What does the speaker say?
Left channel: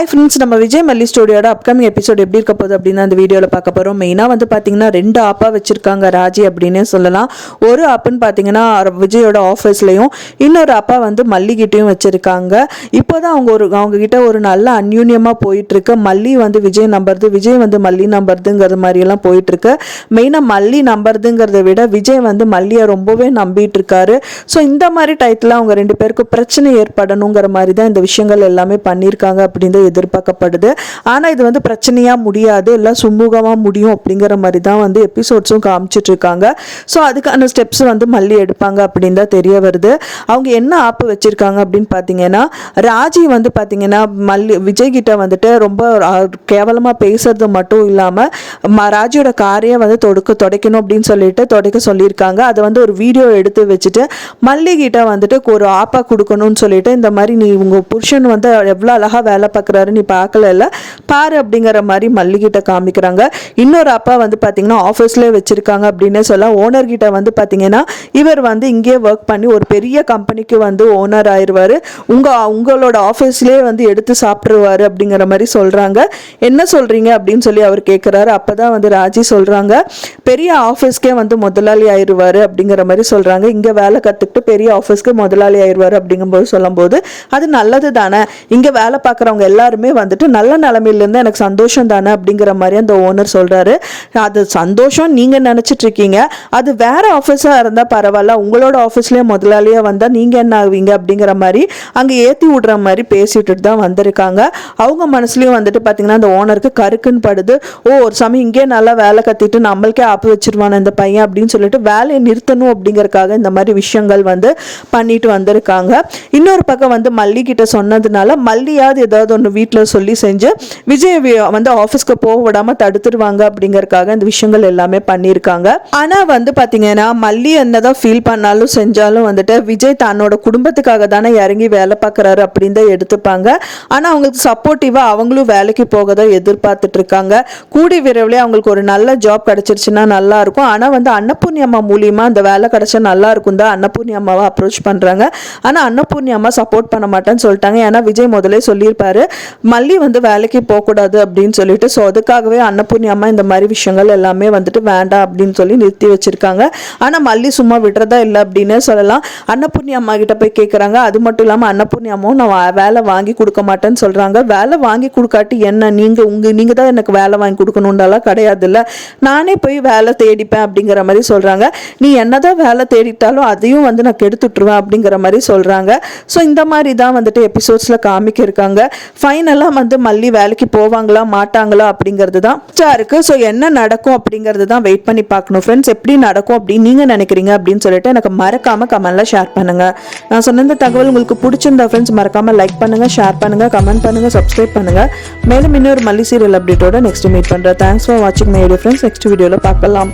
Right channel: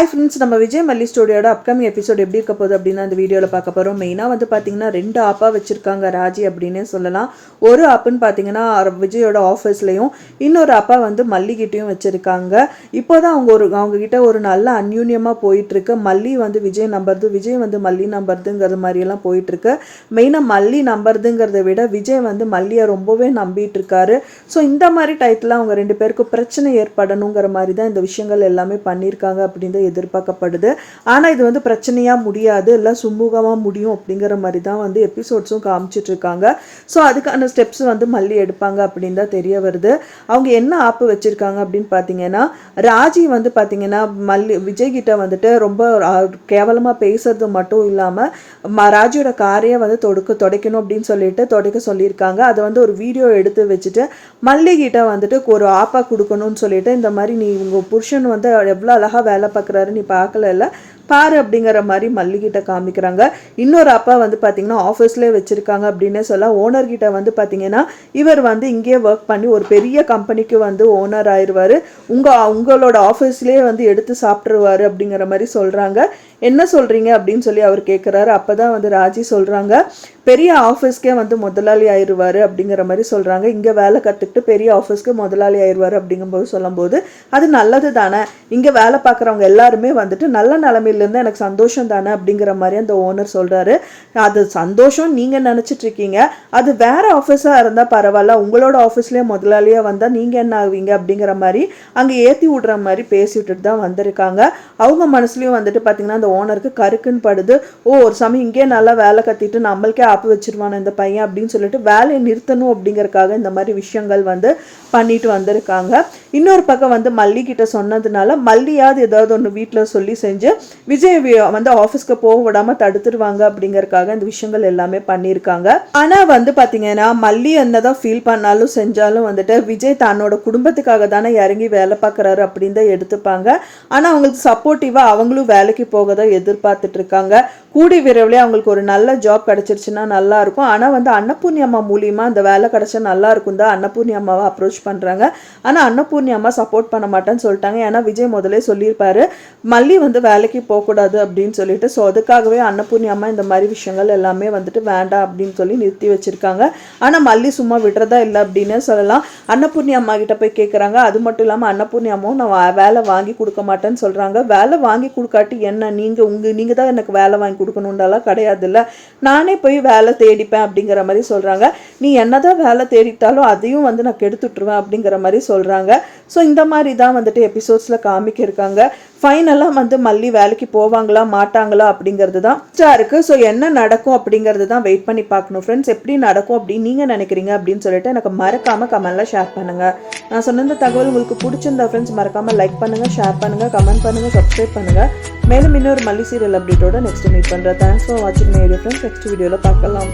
Hi friends, நம்ம விஜய் மல்லி ஸ்டோரியோட upcoming episode எப்படி இருக்க போகுது அப்படின்னு அந்த வீடியோவில் பார்க்க போகிறோம். மெயினாக வந்து பார்த்தீங்கன்னா 2 ஆப்பா வச்சுருக்காங்க ராஜி அப்படின்னே சொல்லலாம். ஒரு ஆப்புன்னு பார்த்தீங்கன்னா விஜயோட ஆஃபீஸ்லையும், இன்னொரு ஆப்பா வந்து மல்லிகிட்டையும் வச்சுருக்காங்க. இப்போ தான் அவங்கக்கிட்ட ஒரு நல்ல அந்யூன்யமாக போயிட்டுருக்கு. மல்லி வந்து விஜய் நம்புறது, விஜய் வந்து மல்லி நம்புறதுங்கிறது மாதிரியெல்லாம் போயிட்டுருக்கு. மெயினாக மல்லி நம்புறதுங்கிறத விட விஜய் வந்து மல்லியை ரொம்பவே நம்பிட்டு இருக்காரு. ஸோ இந்த மாதிரி டைத்தில் அவங்க 2 பேருக்கும் பிரச்சனை ஏற்படணுங்கிற மாதிரி தான் இந்த விஷயங்கள் எல்லாமே பண்ணியிருக்காங்க அப்படின்னு எதிர்பார்க்கப்படுது. ஆனா இது வந்து பிரச்சனையா முடியாது, எல்லாம் சுமூகமா முடியும் அப்படிங்கிற மாதிரி தான் வந்து எபிசோட்ஸும் காமிச்சிட்டு இருக்காங்க. ஸோ அதுக்கான ஸ்டெப்ஸ் வந்து மல்லி எடுப்பாங்க அப்படின்னு தான் தெரிய வருது. அவங்க என்ன ஆப்பு வச்சிருக்காங்க அப்படின்னு பார்த்தீங்கன்னா, ராஜி வந்து பார்த்தீங்கன்னா விஜய் கிட்ட வந்துட்டு ரொம்ப கேவலமா பேசுறது மட்டும் இல்லாம ராஜியோட காரையே வந்து துடைக்கணும் அப்படின்னு சொல்லிட்டு துடைக்க சொல்லியிருக்காங்க. அதை வந்து ஒரு வீடியோ எடுத்து வச்சுட்டு மல்லி கிட்ட வந்துட்டு ஒரு ஆப்பா கொடுக்கணும்னு சொல்லிட்டு, இந்த மாதிரி நீ உங்க புருஷன் வந்து எவ்வளவு அழகா வேலை பார்க்குறாரு, நீ பார்க்கல பாரு அப்படிங்கிற மாதிரி மல்லிகிட்ட காமிக்கிறாங்க. இன்னொரு அப்பா வந்து பார்த்தீங்கன்னா ஆஃபீஸ்லேயே வச்சிருக்காங்க அப்படின்னு சொல்ல, ஓனர் கிட்ட வந்து பார்த்தீங்கன்னா இவர் வந்து இங்கே ஒர்க் பண்ணி ஒரு பெரிய கம்பெனிக்கு வந்து ஓனர் ஆயிடுவார், உங்களோட ஆஃபீஸ்லேயே வந்து எடுத்து சாப்பிட்ருவாரு அப்படிங்கிற மாதிரி சொல்கிறாங்க. என்ன சொல்கிறீங்க அப்படின்னு சொல்லி அவர் கேட்குறாரு. அப்போ தான் வந்து ராஜி சொல்கிறாங்க, பெரிய ஆஃபீஸ்க்கே வந்து முதலாளி ஆயிடுவார் அப்படிங்கிற மாதிரி சொல்கிறாங்க. இங்கே வேலை கற்றுக்கிட்டு பெரிய ஆஃபீஸ்க்கு முதலாளி ஆயிடுவார் அப்படிங்கும்போது சொல்லும்போது, அது நல்லது தானே, இங்கே வேலை பார்க்குறவங்க எல்லாருமே வந்துட்டு நல்ல நிலைமையிலேருந்து எனக்கு சந்தோஷம் தானே அப்படிங்கிற மாதிரி அந்த ஓனர் சொல்கிறாரு. அது சந்தோஷம் நீங்கள் நினச்சிட்டு இருக்கீங்க, அது வேற ஆஃபீஸாக இருந்தால் பரவாயில்ல, உங்களோட ஆஃபீஸ்லேயே முதலாளியாக வந்தால் நீங்கள் என்ன ஆகுவீங்க அப்படிங்கிற மாதிரி அங்கே ஏற்றி விடுற மாதிரி பேசிட்டு தான் வந்திருக்காங்க. அவங்க மனசுலையும் வந்துட்டு பார்த்தீங்கன்னா அந்த ஓனருக்கு கருக்குன்னு படுது. ஒரு சமயம் இங்கே நல்லா வேலை கத்திட்டு நம்மளுக்கே ஆப்பு வச்சிருவான இந்த பையன் அப்படின்னு சொல்லிட்டு வேலையை நிறுத்தணும் அப்படிங்கறக்காக இந்த மாதிரி விஷயங்கள் வந்து பண்ணிட்டு வந்திருக்காங்க. இன்னொரு பக்கம் வந்து மல்லி கிட்ட சொன்னதுனால மல்லியாவது ஏதாவது ஒன்று வீட்டில் சொல்லி செஞ்சு விஜய் வந்து ஆஃபீஸ்க்கு போக விடாம தடுத்துருவாங்க அப்படிங்கறக்காக இந்த விஷயங்கள் எல்லாமே பண்ணியிருக்காங்க. ஆனா வந்து பாத்தீங்கன்னா மல்லி என்னதான் ஃபீல் பண்ணாலும் செஞ்சாலும் வந்துட்டு விஜய் தன்னோட குடும்பத்துக்காக தானே இறங்கி வேலை பார்க்கறாரு அப்படின்னு தான் எடுத்துப்பாங்க. ஆனா அவங்களுக்கு சப்போர்ட்டிவா அவங்களும் வேலைக்கு போக தான் எதிர்பார்த்துட்டு இருக்காங்க. கூடி விரைவில் அவங்களுக்கு ஒரு நல்ல ஜாப் கிடைச்சிருச்சுன்னா நல்லா இருக்கும். ஆனா வந்து அன்னபூர்ணியம்மா மூலியமா அந்த வேலை கிடைச்சா நல்லா இருக்கும் தான் அன்னபூர்ணியம்மாவை அப்ரோச் பண்றாங்க. ஆனா அன்னபூர்ணியம்மா சப்போர்ட் பண்ண மாட்டேன்னு சொல்லிட்டாங்க. ஏன்னா விஜய் முதலே சொல்லியிருப்பாரு மல்லி வந்து வேலைக்கு போகக்கூடாது அப்படின்னு சொல்லிட்டு. ஸோ அதுக்காகவே அன்னபூர்ணியம்மா இந்த மாதிரி விஷயங்கள் எல்லாமே வந்துட்டு வேண்டாம் அப்படின்னு சொல்லி நிறுத்தி வச்சிருக்காங்க. ஆனால் மல்லி சும்மா விடுறதா இல்லை அப்படின்னு சொல்லலாம். அன்னபூர்ணி அம்மா கிட்ட போய் கேட்குறாங்க. அது மட்டும் இல்லாமல் அன்னபூர்ணி அம்மாவும் நான் வேலை வாங்கி கொடுக்க மாட்டேன்னு சொல்கிறாங்க. வேலை வாங்கி கொடுக்காட்டி என்ன, நீங்கள் தான் எனக்கு வேலை வாங்கி கொடுக்கணுன்னாலாம் கிடையாது இல்லை, நானே போய் வேலை தேடிப்பேன் அப்படிங்கிற மாதிரி சொல்கிறாங்க. நீ என்னதான் வேலை தேடிட்டாலும் அதையும் வந்து நான் கெடுத்துட்டுருவேன் அப்படிங்கிற மாதிரி சொல்கிறாங்க. ஸோ இந்த மாதிரி தான் வந்துட்டு எபிசோட்ஸில் காமிக்க இருக்காங்க. ஃபைனலாக வந்து மல்லி வேலைக்கு போவாங்களா மாட்டாங்களா அப்படிங்கிறது தான் இருக்கு. ஸோ என்ன நடக்கும் அப்படிங்கிறது தான் வெயிட் பண்ணி பார்க்கணும் ஃப்ரெண்ட்ஸ். எப்படி நடக்கும் அப்படின்னு நீங்கள் நினைக்கிறீங்க அப்படின்னு சொல்லிட்டு எனக்கு மறக்காம கமெண்ட்ல ஷேர் பண்ணுங்க. நான் சொன்ன இந்த தகவல் உங்களுக்கு பிடிச்சிருந்தா ஃப்ரெண்ட்ஸ் மறக்காம லைக் பண்ணுங்க, ஷேர் பண்ணுங்க, கமெண்ட் பண்ணுங்க, சப்ஸ்கிரைப் பண்ணுங்க. மேலும் இன்னொரு மல்லி சீரியல் அப்டேட்டோட நெக்ஸ்ட் மீட் பண்றேன். தேங்க்ஸ் ஃபார் வாட்சிங் மை வீடியோ ஃப்ரெண்ட்ஸ். நெக்ஸ்ட் வீடியோல பார்க்கலாம்.